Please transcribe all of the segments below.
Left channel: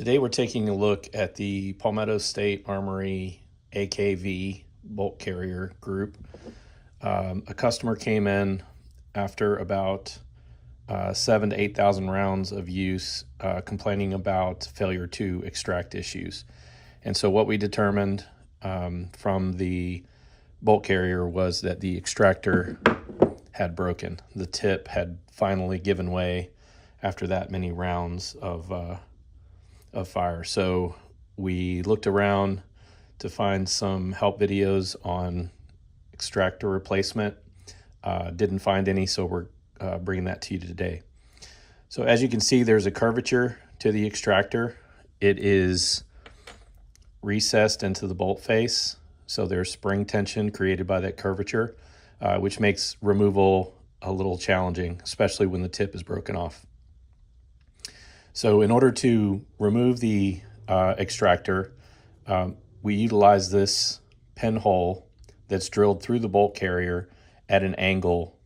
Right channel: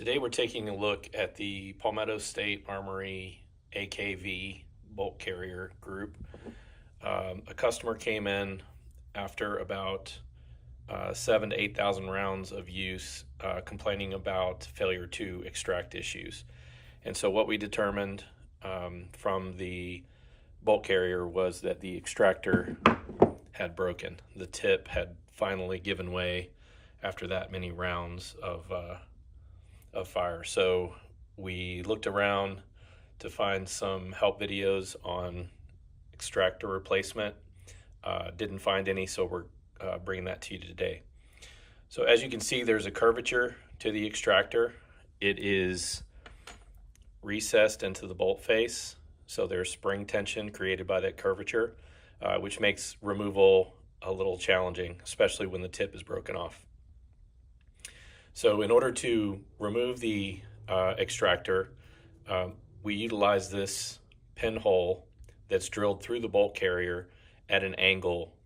Today we're taking a look at the Palmetto State Armory AK-V bolt carrier group. A customer came in after about 7,000 to 8,000 rounds of use, complaining about failure to extract issues. And so what we determined from the bolt carrier was that the extractor had broken. The tip had finally given way after that many rounds of fire. So we looked around to find some help videos on extractor replacement. Didn't find any, so we're bringing that to you today. So as you can see, there's a curvature to the extractor. It is recessed into the bolt face, so there's spring tension created by that curvature, which makes removal a little challenging, especially when the tip is broken off. So in order to remove the extractor, we utilize this pinhole that's drilled through the bolt carrier at an angle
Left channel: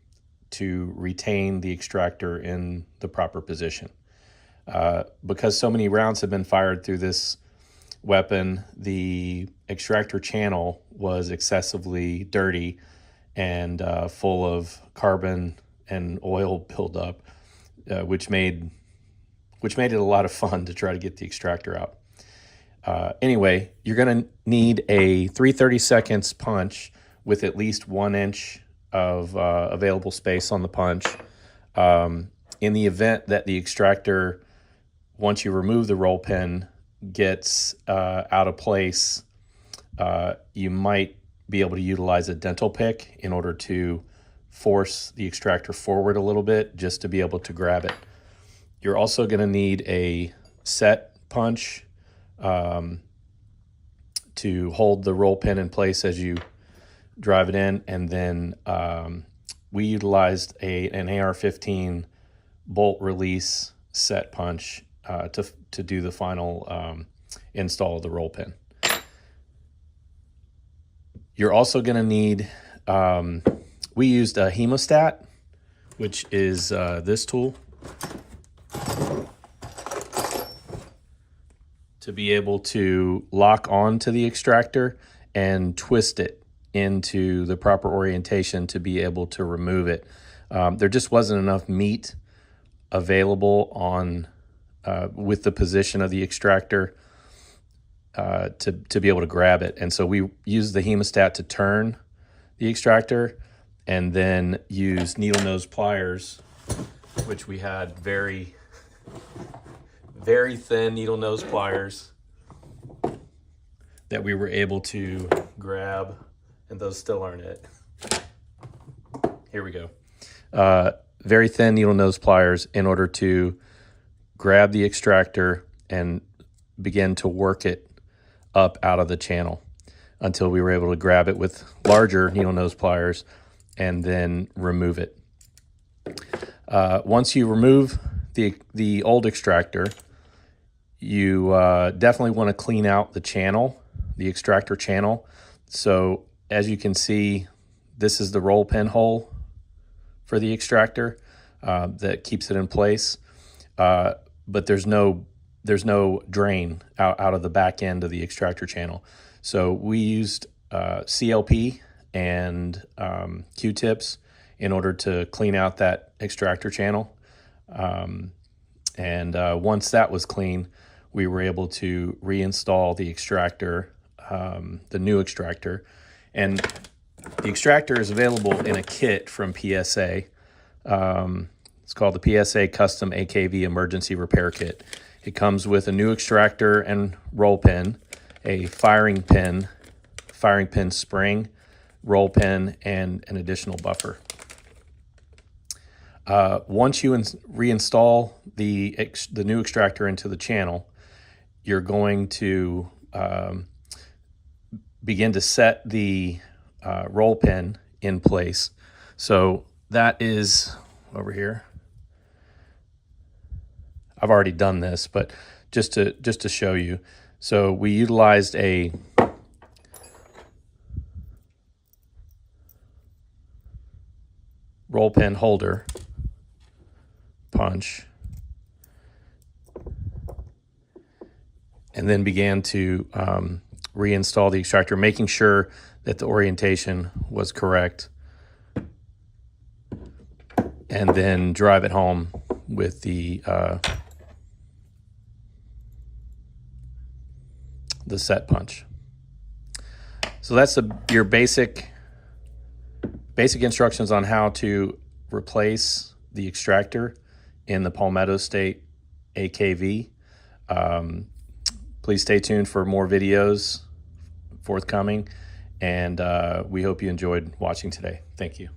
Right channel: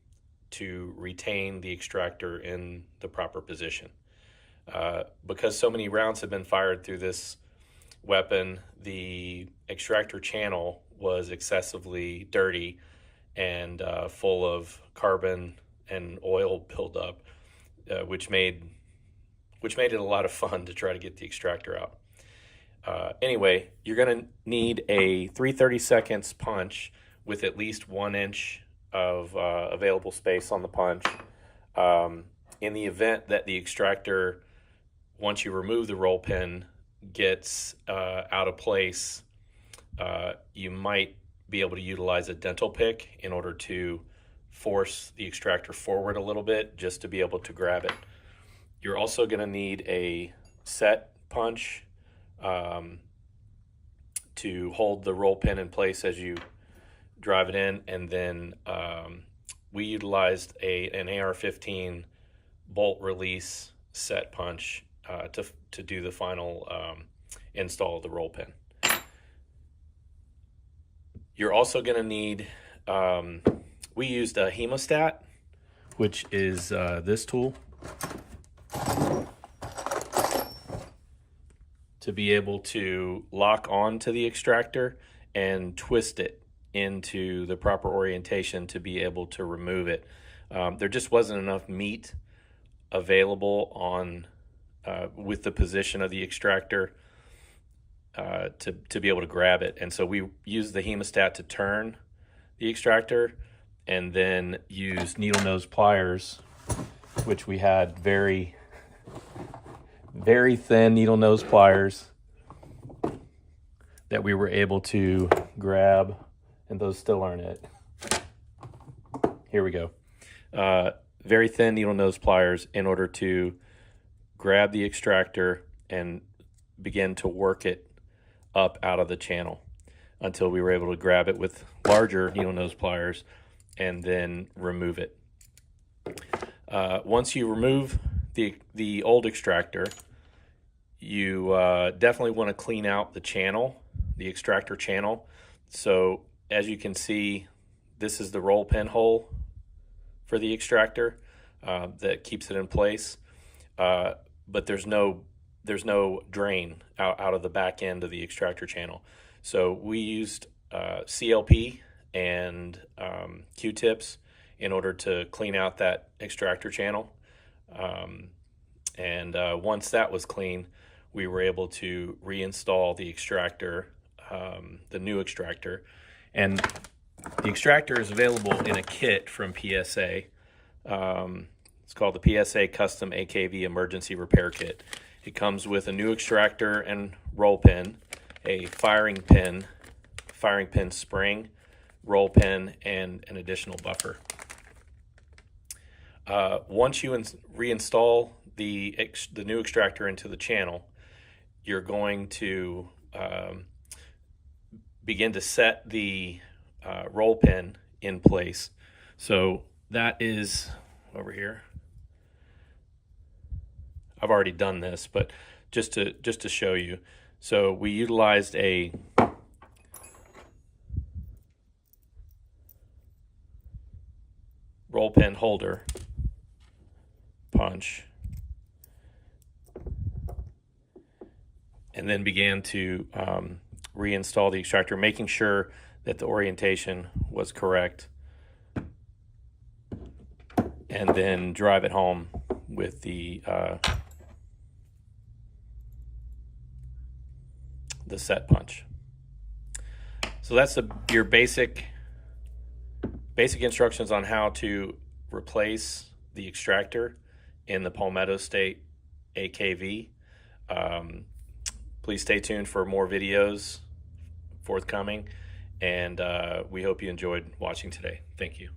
to retain the extractor in the proper position. Because so many rounds have been fired through this weapon, the extractor channel was excessively dirty and full of carbon and oil buildup, which made it a lot of fun to try to get the extractor out. Anyway, you're gonna need a 3/32 punch with at least 1 inch of available space on the punch. In the event that the extractor, once you remove the roll pin, gets out of place, you might be able to utilize a dental pick in order to force the extractor forward a little bit just to be able to grab it. You're also going to need a set punch to hold the roll pin in place as you drive it in, and then we utilized an AR-15 bolt release set punch to do the final install of the roll pin. You're also going to need, we used a hemostat, which is this tool, to be able to lock on to the extractor and twist it into the proper orientation to be able to remove it. There just wasn't enough meat available on with the position of the extractor to be able to grab it. And so we used the hemostat to turn the extractor and then use needle nose pliers, which we had very thin needle nose pliers that we were able to grab, and those still aren't it. Here we go. Very thin needle nose pliers in order to grab the extractor and begin to work it up out of the channel until we were able to grab it with larger needle nose pliers and then remove it. Once you remove the old extractor, you definitely want to clean out the channel, the extractor channel. So as you can see, this is the roll pin hole for the extractor that keeps it in place, but there's no drain out of the back end of the extractor channel. So we used CLP and Q-tips in order to clean out that extractor channel. Once that was clean, we were able to reinstall the extractor, the new extractor. And the extractor is available in a kit from PSA. It's called the PSA Custom AK-V Emergency Repair Kit. It comes with a new extractor and roll pin, a firing pin spring, roll pin, and an additional buffer. Once you reinstall the new extractor into the channel, you're going to begin to set the roll pin in place. So that is over here. I've already done this, but just to show you. So we utilized a roll pin holder punch and then began to reinstall the extractor, making sure that the orientation was correct, and then drive it home with the set punch. So that's your basic instructions on how to replace the extractor in the Palmetto State AK-V. Please stay tuned for more videos forthcoming, and we hope you enjoyed watching today. Thank you.